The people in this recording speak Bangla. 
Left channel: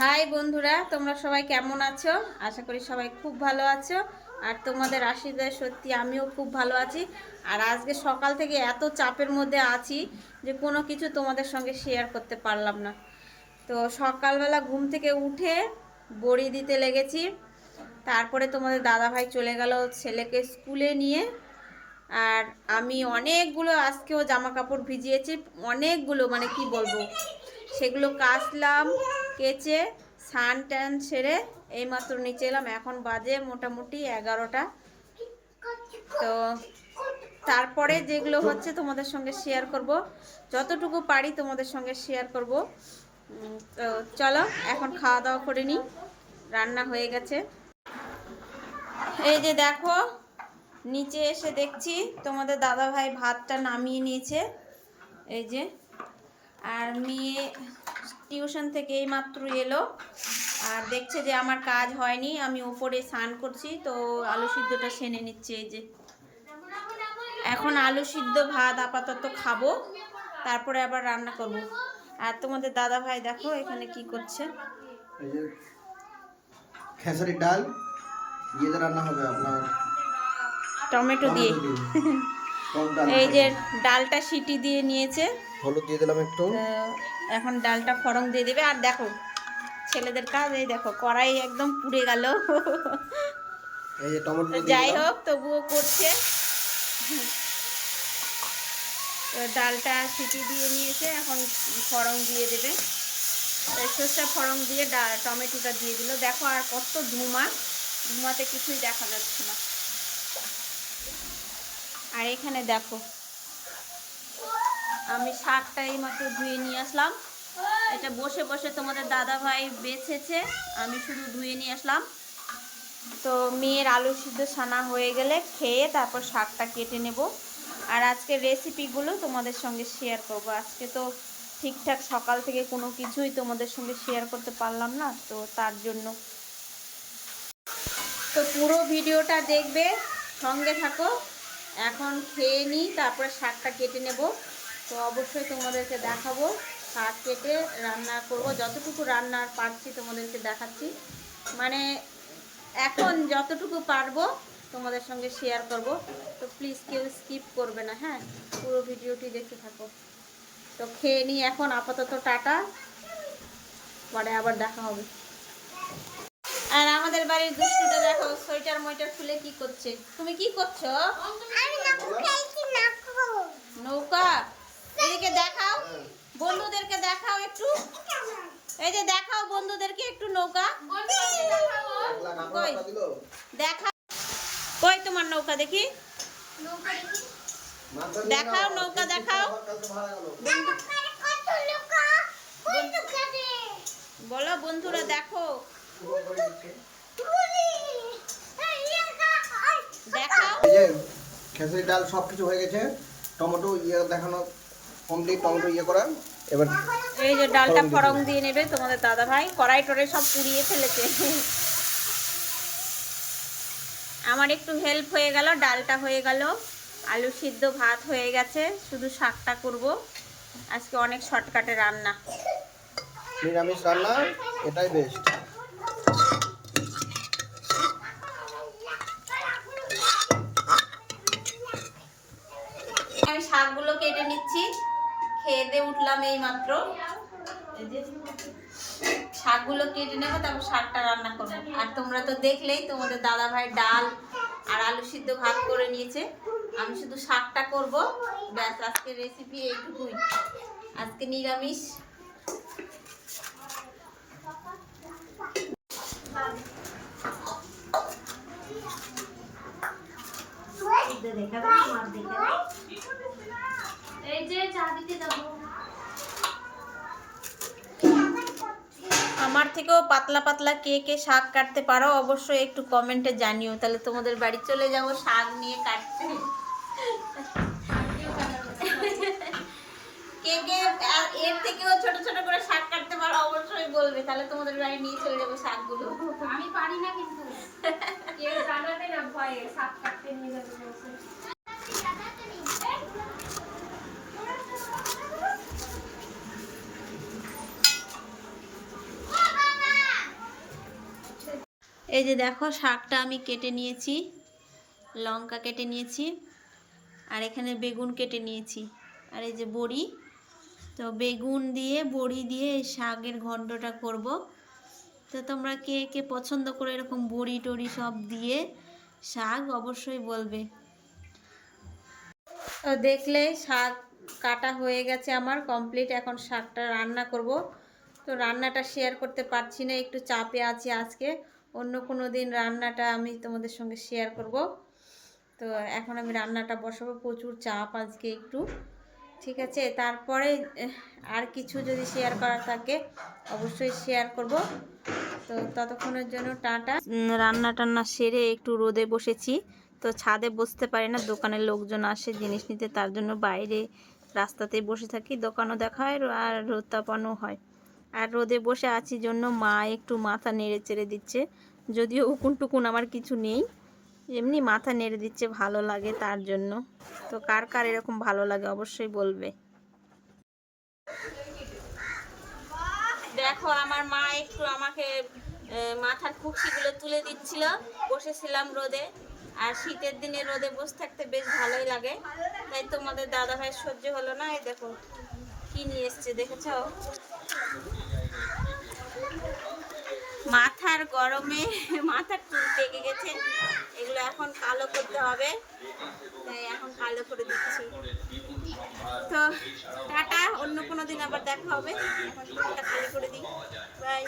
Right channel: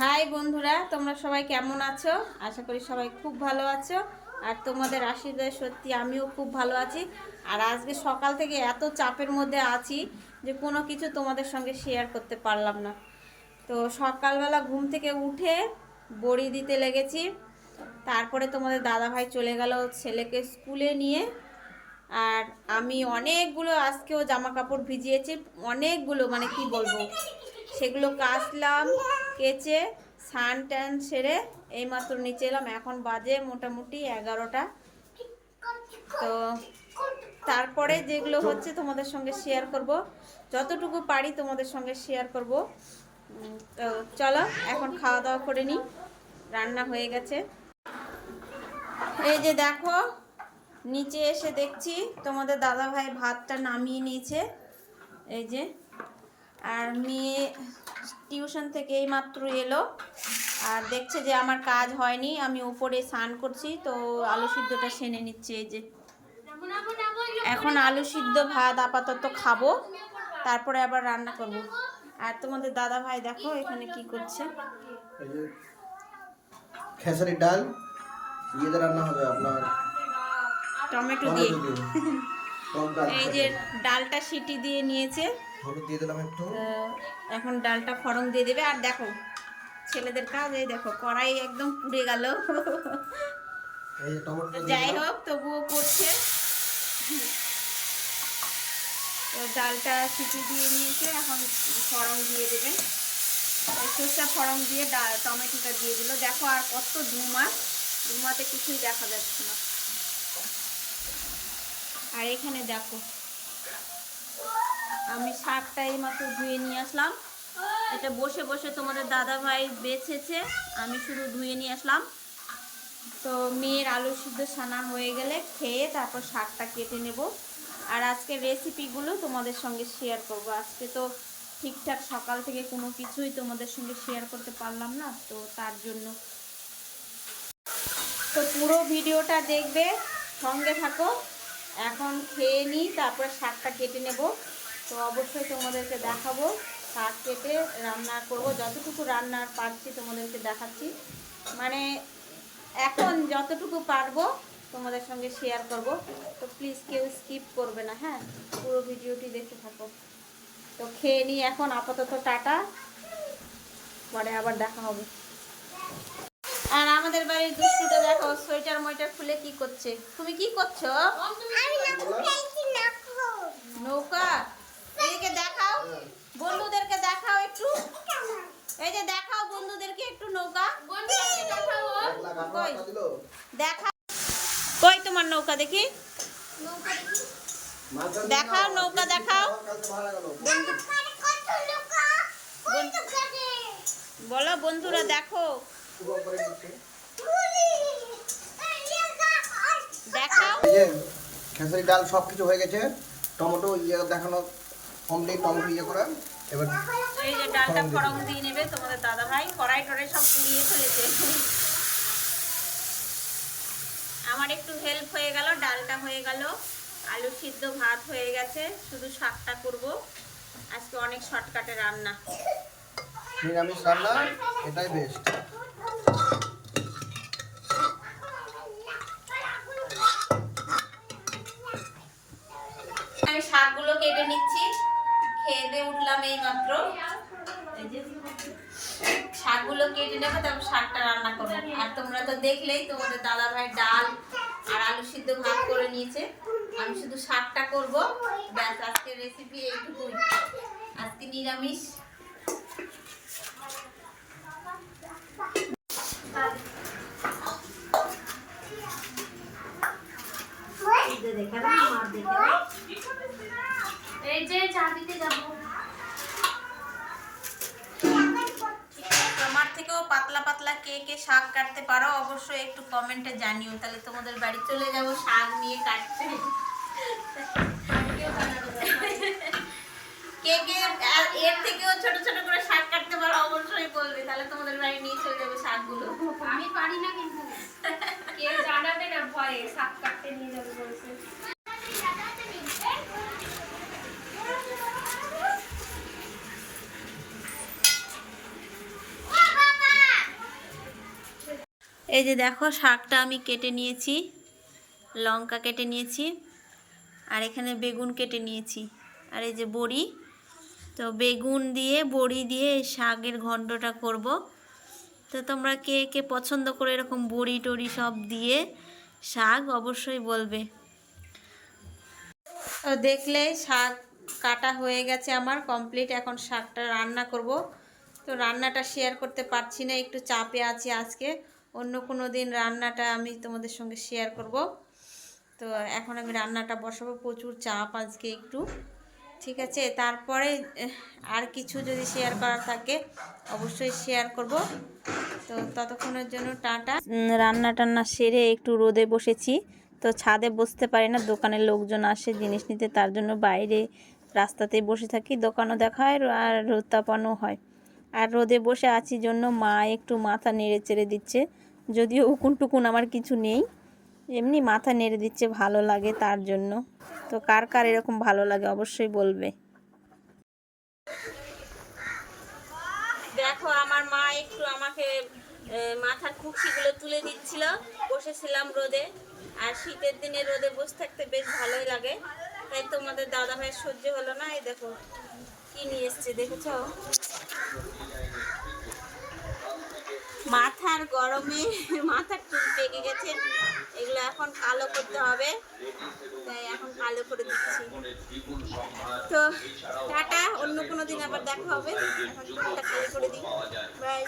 হাই বন্ধুরা, তোমরা সবাই কেমন আছো? আশা করি সবাই খুব ভালো আছো। আর তোমাদের আশীর্বাদে সত্যি আমিও খুব ভালো আছি। আর আজকে সকাল থেকে এত চাপের মধ্যে আছি যে কোনো কিছু তোমাদের সঙ্গে শেয়ার করতে পারলাম না। তো সকালবেলা ঘুম থেকে উঠে বড়ি দিতে লেগেছি। তারপরে তোমাদের দাদাভাই চলে গেল ছেলেকে স্কুলে নিয়ে। আর আমি অনেকগুলো আজকেও জামা কাপড় ভিজিয়েছি, অনেকগুলো, মানে কি বলবো, সেগুলো কাচলাম, কেচে স্নান টান সেরে এইমাত্র নিচে এলাম। এখন বাজে মোটামুটি 11টা। তো তারপরে যেগুলো হচ্ছে তোমাদের সঙ্গে শেয়ার করব, যতটুকু পারি তোমাদের সঙ্গে শেয়ার করব। তো চলো এখন খাওয়া দাওয়া করে নিই। রান্না হয়ে গেছে, এই যে দেখো। নিচে এসে দেখছি তোমাদের দাদাভাই ভাতটা নামিয়ে নিয়েছে, এই যে। আর মেয়ে টিউশন থেকে এই মাত্র এলো আর দেখছে যে আমার কাজ হয়নি, আমি উপরে স্নান করছি, তো আলু সিদ্ধটা সেনে নিচ্ছে। এই যে এখন আলু সিদ্ধ ভাত আপাতত খাবো, তারপরে আবার রান্না করব। আর তোমাদের দাদা ভাই দেখো এখানে কি করছে। এই যে খেসারির ডাল ইয়েতে রান্না হবে আপনার টমেটো দিয়ে। এই যে ডালটা সিটি দিয়ে নিয়েছে, হলুদ দিয়ে দিলাম একটু। এখন ডালটা ফড়ং দিয়ে দেবে। আর দেখো ছেলেদের কাজ, এই দেখো কড়াই একদম পুড়ে গেল। এই যে টমেটো দিয়ে যাই হোক তবুও করছে। তো ডালটা সিটি দিয়ে নিয়েছে, এখন ফড়ং দিয়ে দেবে। সর্ষে ফড়ং দিয়ে টমেটোটা দিয়ে দিল। দেখো আর কত ধুমাতে কিছুই দেখা যাচ্ছে না। আর এখানে দেখো আমি শাকটা এইমাত্র ধুয়ে নিয়ে আসলাম। এটা বসে বসে তোমাদের দাদা ভাই বেছেছে, আমি শুধু ধুয়ে নিয়ে আসলাম। তো মেয়ের আলু সিদ্ধ ছানা হয়ে গেলে খেয়ে তারপর শাকটা কেটে নেব। আর আজকের রেসিপিগুলো তোমাদের সঙ্গে শেয়ার করব। আজকে তো ঠিকঠাক সকাল থেকে কোনো কিছুই তোমাদের সঙ্গে শেয়ার করতে পারলাম না, তো তার জন্য। তো পুরো ভিডিওটা দেখবে, সঙ্গে থাকো। এখন খেয়ে নিই, তারপরে শাকটা কেটে নেব। তো অবশ্যই তোমাদেরকে দেখাবো শাক কেটে রান্না করব। যতটুকু রান্নার পারছি তোমাদেরকে দেখাচ্ছি, মানে এখন যতটুকু পারবো তোমাদের সঙ্গে শেয়ার করব। তো প্লিজ কেউ স্কিপ করবে না, হ্যাঁ, পুরো ভিডিওটি দেখতে থাকো। তো খেয়ে নিই এখন, আপাতত টাটা, পরে আবার দেখা হবে। আর আমাদের বাড়ির দুষ্টুটা দেখো, সোয়েটার ময়টার খুলে কি করছে। তুমি কি করছো? নৌকা। এদিকে দেখাও, বন্ধুদেরকে দেখাও একটু। এই যে দেখাও বন্ধুদেরকে একটু নৌকা। কই দেখা, কই তোমার নৌকা দেখি, দেখাও নৌকা দেখাও। বলো বন্ধুরা দেখো, দেখাও। এই যে খেসারি ডাল সব কিছু হয়ে গেছে, টমেটো ইয়ে দেখানো কমপ্লিট, টমেটো ইয়ে করা। এবার এই যে ডালটা ফড়ং দিয়ে নেবে তোমাদের দাদা ভাই। কড়াই টড়াই সব পুড়িয়ে ফেলেছে। আমার একটু হেল্প হয়ে গেল, ডালটা হয়ে গেল, আলু সিদ্ধ ভাত হয়ে গেছে, শুধু শাকটা করব। আজকে অনেক শর্টকাটে রান্না, নিরামিষ রান্না, এটাই বেস্ট। আমি শাকগুলো কেটে নিচ্ছি, খেয়ে দিয়ে উঠলাম এই মাত্র। এই যে শাকগুলো কেটে নেবো, তারপর শাকটা রান্না করবো। আর তোমরা তো দেখলেই তোমাদের দাদা ভাই ডাল আর আলু সিদ্ধ ভাত করে নিয়েছে, আমি শুধু শাকটা করব। ব্যাস, আজকের রেসিপি এইটুকুই, আজকে নিরামিষ। এই যে চা দিতে যাবো। তোমার থেকেও পাতলা পাতলা কে কে শাক কাটতে পারো অবশ্যই একটু কমেন্টে জানিও, তাহলে তোমাদের বাড়ি চলে যাবো শাক নিয়ে কাটতে। কে কে এর থেকেও ছোট ছোট করে শাক কাটতে পারো অবশ্যই বলবে, তাহলে তোমাদের বাড়ি নিয়ে চলে যাবো শাকগুলো। আমি পারি না, কিন্তু কেউ জানাবে না, ভয়ে শাক কাটতে নিয়ে যাবে বলেছে। এই যে দেখো শাকটা আমি কেটে নিয়েছি, লঙ্কা কেটে নিয়েছি, আর এখানে বেগুন কেটে নিয়েছি, আর এই যে বড়ি। তো বেগুন দিয়ে বড়ি দিয়ে এই শাকের ঘন্টটা করব। তো তোমরা কে কে পছন্দ করে এরকম বড়ি টড়ি সব দিয়ে শাক অবশ্যই বলবে। তো দেখলে শাক কাটা হয়ে গেছে আমার কমপ্লিট। এখন শাকটা রান্না করব। তো রান্নাটা শেয়ার করতে পারছি না, একটু চাপে আছি আজকে। অন্য কোনো দিন রান্নাটা আমি তোমাদের সঙ্গে শেয়ার করব। তো এখন আমি রান্নাটা বসাবো, প্রচুর চাপ আজকে একটু, ঠিক আছে। তারপরে আর কিছু যদি শেয়ার করার থাকে অবশ্যই শেয়ার করব। তো ততক্ষণের জন্য টাটা। রান্না টান্না সেরে একটু রোদে বসেছি। তো ছাদে বসতে পারি না, দোকানের লোকজন আসে জিনিস নিতে, তার জন্য বাইরে রাস্তাতেই বসে থাকি। দোকানও দেখা হয় আর রোদ তাপানো হয়। আর রোদে বসে আছি জন্য মা একটু মাথা নেড়ে চেড়ে দিচ্ছে, যদিও উকুন টুকুন আমার কিছু নেই, এমনি মাথা নেড়ে দিচ্ছে, ভালো লাগে তার জন্য। তো কার কার এরকম ভালো লাগে অবশ্যই বলবে। দেখো আমার মা একটু আমাকে মাথার খুশকিগুলো তুলে দিচ্ছিল, বসেছিলাম রোদে। আর শীতের দিনে রোদে বসে থাকতে বেশ ভালোই লাগে, তাই তোমাদের দাদা ভাই সহ্য হলো না। এই দেখো কি নিয়ে এসছে, দেখেছো? মাথার গরমে মাথার চুল পেকে গেছে, এগুলো এখন কালো করতে হবে, তাই এখন কালো করে দিচ্ছি। তো টাটা, অন্য কোনো দিন আবার দেখা হবে। এখন চুলটা খালি করে দিই, বাই।